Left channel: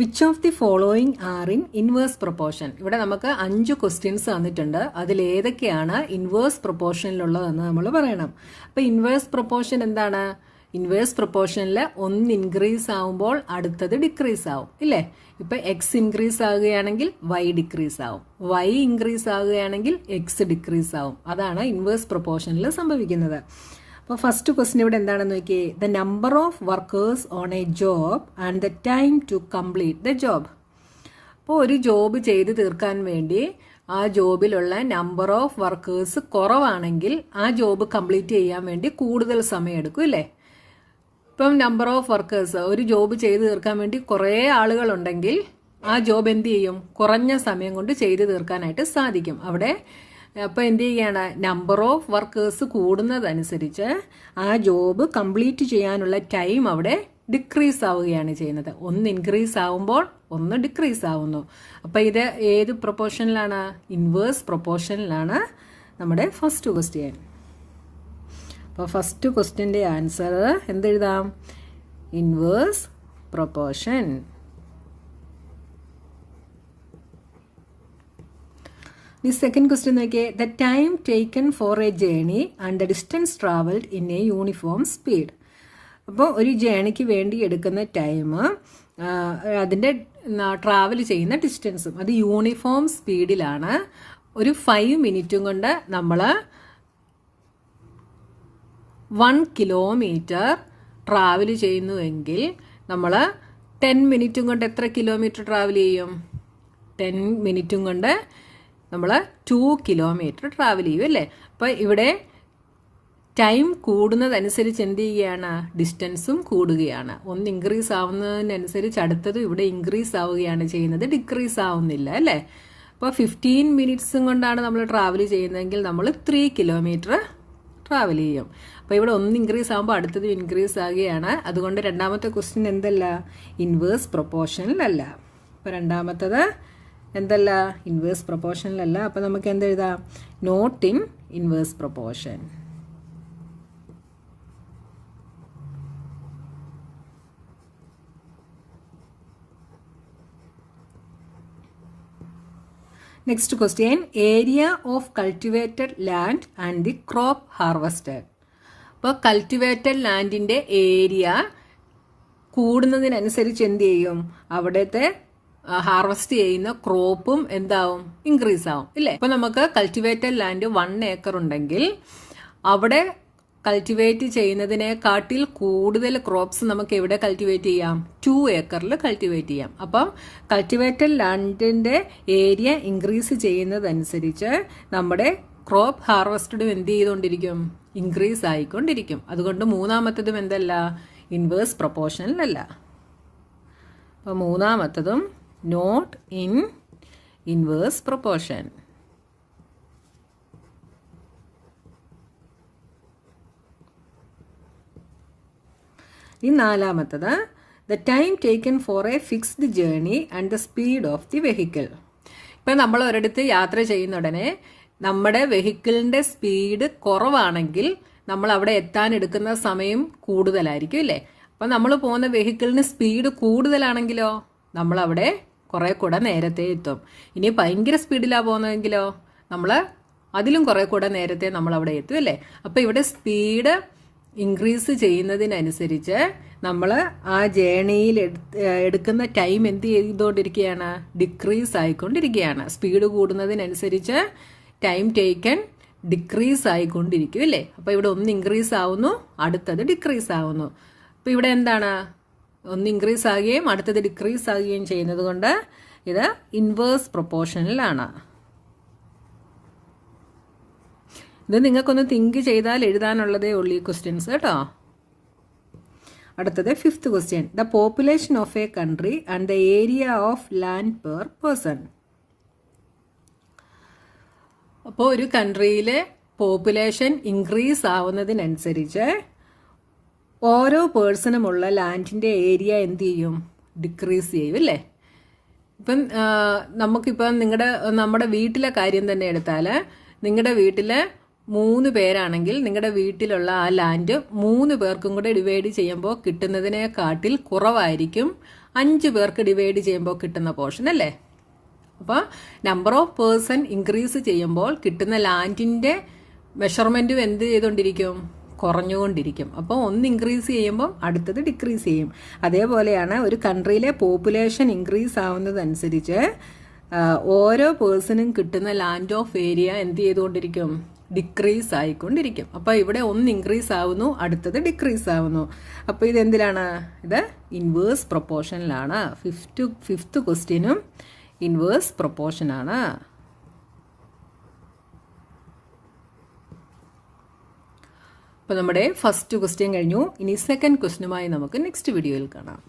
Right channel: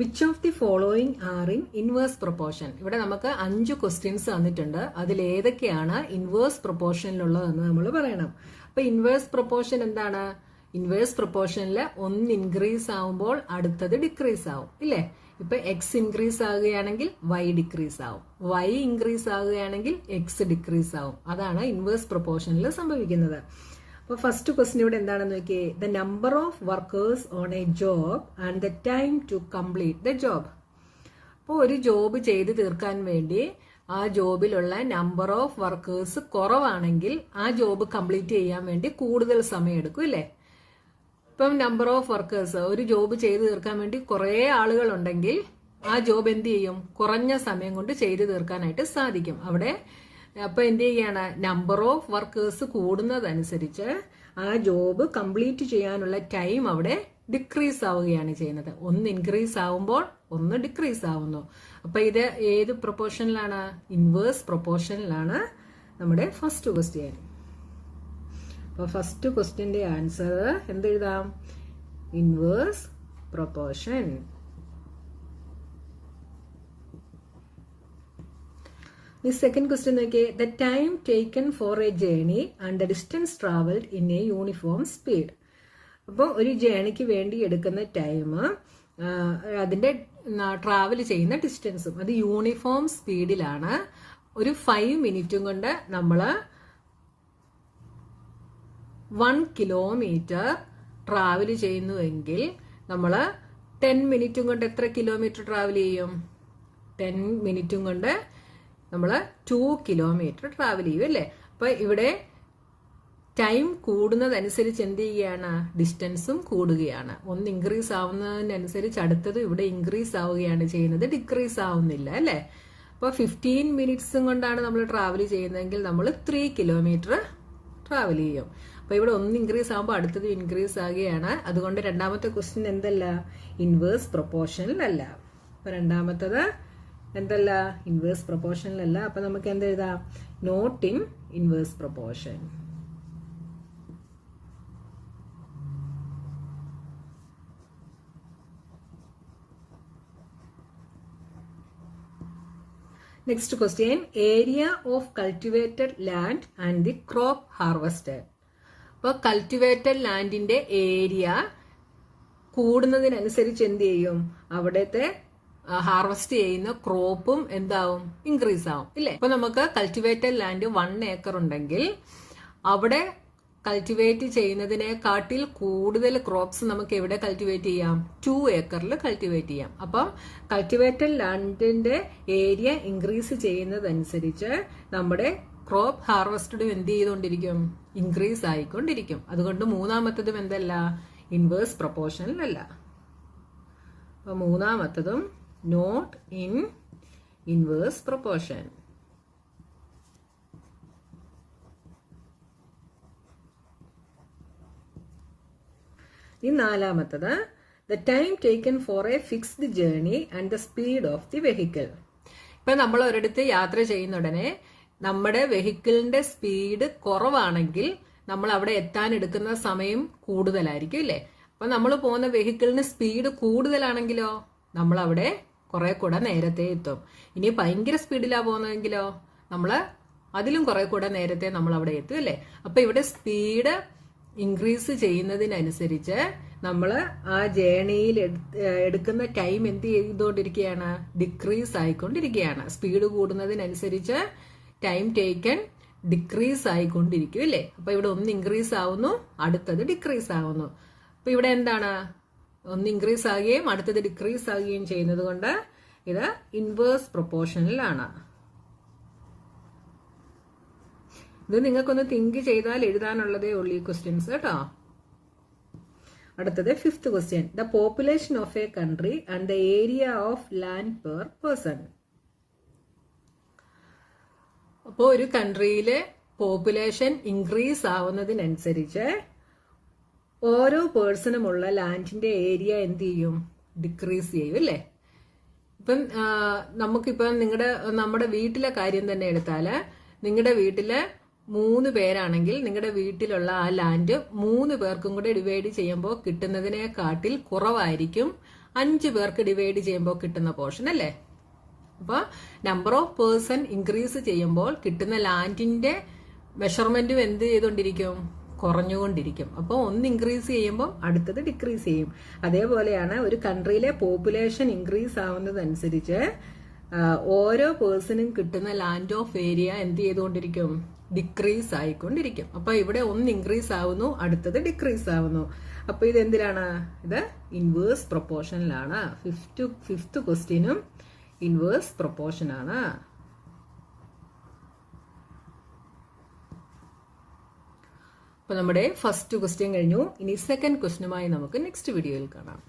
Which of the following are in inverse proportion? ഇവിടെ നമുക്ക് 5 questions തന്നിട്ടുണ്ട്. അതിൽ ഏതൊക്കെയാണ് ഇൻവേഴ്സ് പ്രൊപ്പോർഷനിലുള്ളതെന്ന് നമ്മൾ പറയണം. അപ്പോൾ ഇൻവേഴ്സ് പ്രൊപ്പോർഷൻ എന്താണ്? ഇൻവേഴ്സ് പ്രൊപ്പോർഷനിൽ ഒന്ന് ഇൻക്രീസ് ആവുമ്പോൾ അടുത്തത് ഡിക്രീസ് ആവും, ഇല്ലേ? ഇപ്പൊ എക്സ് ഇൻക്രീസ് ആകുകയാണെങ്കിൽ വൈ ഡിക്രീസ് ആവും, വൈ ഇൻക്രീസ് ആകുകയാണെങ്കിൽ എക്സ് ഡിക്രീസ് ആവും. അതാണ് ഇൻവേഴ്സ് പ്രൊപ്പോർഷനിൽ സംഭവിക്കുന്നത്. അപ്പോൾ ഫസ്റ്റ് ക്വസ്റ്റ്യൻ ഇവിടെ എന്താണെന്ന് നോക്കിയേ. The number of workers on a job and the time to complete the job. അപ്പോൾ ഒരു ജോബ് ചെയ്ത് തീർക്കാൻ വേണ്ടി ആ ജോബിലുള്ള നമ്പർ ഓഫ് വർക്കേഴ്സ് കുറവാണെങ്കിൽ ആ ജോബ് കംപ്ലീറ്റ് ചെയ്യാൻ വേണ്ടി കൂടുതൽ സമയം എടുക്കും, അല്ലേ? ഇപ്പം നമ്പർ ഓഫ് വർക്കേഴ്സ്, ഒരു ജോബ് ചെയ്ത് തീർക്കാൻ വേണ്ടി കുറേ ആളുകളുണ്ടെങ്കിൽ ആ ജോബ് എന്ത് ചെയ്യും? കുറഞ്ഞ സമയം കൊണ്ട് ചെയ്ത് തീർക്കാനായിട്ട് സാധിക്കും. അവിടെ അപ്പോൾ എന്ത് ചെയ്യാണ്? നമ്പർ ഓഫ് വർക്കേഴ്സ് കൂടുന്നതനുസരിച്ച് ആ ജോബ് കംപ്ലീറ്റ് ചെയ്യാനുള്ള ടൈം അവിടെ ഡിക്രീസ് ആവുകയാണ് ചെയ്യുന്നത്. ഒന്ന് ഇൻക്രീസ് ആവുമ്പോൾ ഒന്ന് ഡിക്രീസ് ആവുന്നു. അപ്പോൾ ഇത് ഏത് പ്രൊപ്പോർഷനിലാണ്? ഇൻവേഴ്സ് പ്രൊപ്പോർഷനിലാണ് നമ്മുടെ ഫസ്റ്റ് ക്വസ്റ്റ്യൻ. അപ്പോൾ ഫസ്റ്റ് ക്വസ്റ്റ്യൻ്റെ ആൻസർ എന്തെഴുതാം? Inverse proportion. The second question നോക്കിയേ. The time taken for a journey and the distance traveled in a uniform speed. അപ്പോൾ ഒരു ജേണിക്ക് വേണ്ടി എടുക്കുന്ന ടൈം, അതിൻ്റെ ട്രാവൽ ചെയ്യുന്ന ഡിസ്റ്റൻസും അത് യൂണിഫോം സ്പീഡിലാണ്. ഒരു 5 മിനിറ്റും കൊണ്ട് നമ്മൾ 1 കിലോമീറ്റർ ട്രാവൽ ചെയ്യുന്നുവെങ്കിൽ നമ്മൾ 10 മിനിറ്റും കൊണ്ട് എത്ര കിലോമീറ്റർ ട്രാവൽ ചെയ്യും? 10 മിനിറ്റും കൊണ്ട് നമ്മൾ 2 കിലോമീറ്റർ ട്രാവൽ ചെയ്യും, അല്ലേ? അപ്പോൾ ഇവിടെ ടൈം കൂടുന്നതനുസരിച്ച് എന്ത് ചെയ്യുകയാണ്? ഡിസ്റ്റൻസും കൂടുകയാണ്. ഒന്ന് ഇൻക്രീസ് ആവുന്നതിനനുസരിച്ച് അടുത്തത് ഇവിടെ ഇൻക്രീസ് ആവുകയാണ് ചെയ്യുന്നത്, ഡിക്രീസ് ആവുന്നില്ല, അല്ലേ? അപ്പോൾ 15 മിനിറ്റ്സും കൊണ്ടാണ് നമ്മൾ ട്രാവൽ ചെയ്യുന്നതെങ്കിൽ നമ്മൾ 3 കിലോമീറ്റർ ട്രാവൽ ചെയ്യും. അപ്പോൾ ഇവിടെ ഒന്ന് ഇൻക്രീസ് ആകുമ്പോൾ അടുത്തത് ഇൻക്രീസ് ആകുകയാണ്. അതുകൊണ്ട് രണ്ടാമത്തെ ക്വസ്റ്റ്യൻ എന്തല്ല? ഇൻവേഴ്സ് പ്രൊപ്പോർഷനിലല്ല. അപ്പോൾ രണ്ടാമത്തത് എന്തല്ല? ഇൻവേഴ്സ് പ്രൊപ്പോർഷനിലല്ല. അപ്പോൾ നമുക്ക് എന്തെഴുതാം? Not in inverse proportion. Next question. Area of cultivated land and the crop harvested. അപ്പോൾ കൾട്ടിവേറ്റഡ് ലാൻഡിന്റെ ഏരിയ കൂടുന്നതിനനുസരിച്ച് എന്ത് ചെയ്യും? അവിടുത്തെ ഹാർവസ്റ്റ് ചെയ്യുന്ന ക്രോപ്പും എന്താവും? ഇൻക്രീസ് ആവും, ഇല്ലേ? അപ്പൊ നമുക്ക് കൾട്ടിവേറ്റഡ് ലാൻഡ് 1 ഏക്കർ ഉണ്ടെങ്കിൽ അവിടെ കൾട്ടിവേറ്റ് ചെയ്യുന്നതിനെക്കാട്ടിൽ കൂടുതൽ ക്രോപ്സ് നമുക്ക് എവിടെ കൾട്ടിവേറ്റ് ചെയ്യാം? 2 ഏക്കറിൽ കൾട്ടിവേറ്റ് ചെയ്യാം. അപ്പം കൾട്ടിവേറ്റഡ് ലാൻഡിന്റെ ഏരിയ ഇൻക്രീസ് ചെയ്യുന്നതനുസരിച്ച് നമ്മുടെ ക്രോപ്പ് ഹാർവസ്റ്റഡും എന്ത് ചെയ്തുകൊണ്ടിരിക്കും? ഇൻക്രീസ് ആയിക്കൊണ്ടിരിക്കും. അതുകൊണ്ട് മൂന്നാമത്തതും എന്തല്ല? ഇൻവേഴ്സ് പ്രൊപ്പോർഷനിലല്ല. അപ്പം മൂന്നാമത്തതും നോട്ട് ഇൻ ഇൻവേഴ്സ് പ്രൊപ്പോർഷൻ. ഈ നാലാമത്തത്. The time taken for a fixed journey and the speed of the vehicle. ഇപ്പം നമ്മൾ ഒരിടത്ത് യാത്ര ചെയ്യുന്ന ഉടനെ നമ്മുടെ വെഹിക്കിളിന്റെ സ്പീഡ് കുറവാണെങ്കിൽ നമ്മൾ അവിടെ എത്താൻ എടുക്കുന്ന സമയം കൂടുതലായിരിക്കും, അല്ലേ? അപ്പം നമ്മൾ പോകുന്ന വെഹിക്കിളിന് സ്പീഡ് കൂടുതലാണെങ്കിലോ നമ്മൾ അവിടെ കുറെ കൂടെ നേരത്തെ എത്തും. ഇനി ഭയങ്കര സ്പീഡിലാണ് പോകുന്നതെങ്കിലോ നമ്മൾ അതിലും കുറെ കൂടെ നേരത്തെ നമ്മൾ അവിടെ എത്തും, അല്ലേ? അപ്പം ഇവിടെ സ്പീഡ് ഇൻക്രീസ് ചെയ്യുന്നതിനനുസരിച്ച് നമ്മൾ ആ ജേണിയിൽ എടുക്കുന്ന ടൈം എന്ത് ചെയ്തുകൊണ്ടിരിക്കുകയാണ്? ഡിക്രീസ് ആയിക്കൊണ്ടിരിക്കുകയാണ്. സ്പീഡ് കൂടുന്നതിനനുസരിച്ച് ടൈം ടേക്കൺ ഡിക്രീസ് ആയിക്കൊണ്ടിരിക്കും, അല്ലേ? അപ്പൊ ഇവിടെ ഒന്ന് ഇൻക്രീസ് ആവുന്നു, അടുത്തത് ഡിക്രീസ് ആവുന്നു. അപ്പൊ ഇവിടെ എന്താണ്? ഒന്ന് ഇൻക്രീസ് ആകുകയും അടുത്തത് ഡിക്രീസ് ആകുകയും ചെയ്യുന്നത് കൊണ്ട് ഇത് ഇൻവേഴ്സ് പ്രൊപ്പോർഷനിലാണ്. ഇത് നിങ്ങൾക്കൊന്ന് തിങ്ക് ചെയ്താൽ എഴുതാനുള്ളതേ ഉള്ളൂ ഈ ക്വസ്റ്റ്യൻസ്, കേട്ടോ. അടുത്തത് 5th question. The population of A country and the area of land per person. അപ്പോൾ ഒരു കൺട്രിയിലെ പോപ്പുലേഷൻ ഇൻക്രീസ് ആവുന്നതിനനുസരിച്ച് ഓരോ പേഴ്സണുമുള്ള ലാൻഡിന്റെ ഏരിയ എന്ത് ചെയ്യും? ഡിക്രീസ് ചെയ്യും, അല്ലേ? ഇപ്പം നമുക്കിപ്പം നമ്മുടെ വീട്ടിലെ കാര്യം തന്നെ എടുത്താൽ, നിങ്ങളുടെ വീട്ടിലെ 3 പേരാണെങ്കിൽ നിങ്ങളുടെ വീട്ടിലുള്ള ആ ലാൻഡ് 3 പേർക്കും കൂടെ ഡിവൈഡ് ചെയ്യുമ്പോൾ കിട്ടുന്നതിനെക്കാട്ടിൽ കുറവായിരിക്കും 5 പേർക്ക് ഡിവൈഡ് ചെയ്യുമ്പോൾ കിട്ടുന്ന പോർഷൻ അല്ലേ. അപ്പോൾ നമ്പർ ഓഫ് പേഴ്സൺ ഇൻക്രീസ് ചെയ്യുമ്പോൾ കിട്ടുന്ന ലാൻഡിന്റെ മെഷർമെന്റും എന്ത് ചെയ്തുകൊണ്ടിരിക്കും, കുറഞ്ഞുകൊണ്ടിരിക്കും. അപ്പോൾ ഒന്ന് ഇൻക്രീസ് ചെയ്യുമ്പോൾ അടുത്തത് ഡിക്രീസ് ചെയ്യും. അതേപോലെയാണ് ഒരു കൺട്രിയിലെ പോപ്പുലേഷൻ ഇൻക്രീസ് ആവുന്നതനുസരിച്ച് ഓരോ പേഴ്സണും കിട്ടുന്ന ലാൻഡ് ഓഫ് ഏരിയ എന്ത് ചെയ്തുകൊണ്ടിരിക്കും, ഡിക്രീസ് ആയിക്കൊണ്ടിരിക്കും. അപ്പോൾ ഇവിടെ ഒന്ന് ഇൻക്രീസ് ആവുന്നു, അടുത്തത് ഡിക്രീസ് ആവുന്നു. അപ്പോൾ ഇത് എന്തിലാണ്, ഇത് ഇൻവേഴ്സ് പ്രൊപ്പോർഷനിലാണ്. ഫിഫ്ത്ത് ക്വസ്റ്റ്യനും ഇൻവേഴ്സ് പ്രൊപ്പോർഷൻ ആണ്. അപ്പോൾ നമ്മുടെ ഫസ്റ്റ് ക്വസ്റ്റ്യൻ കഴിഞ്ഞു. ഇനി സെക്കൻഡ് ക്വസ്റ്റ്യനുമായി നമുക്ക് നെക്സ്റ്റ് വീഡിയോയിൽ കാണാം.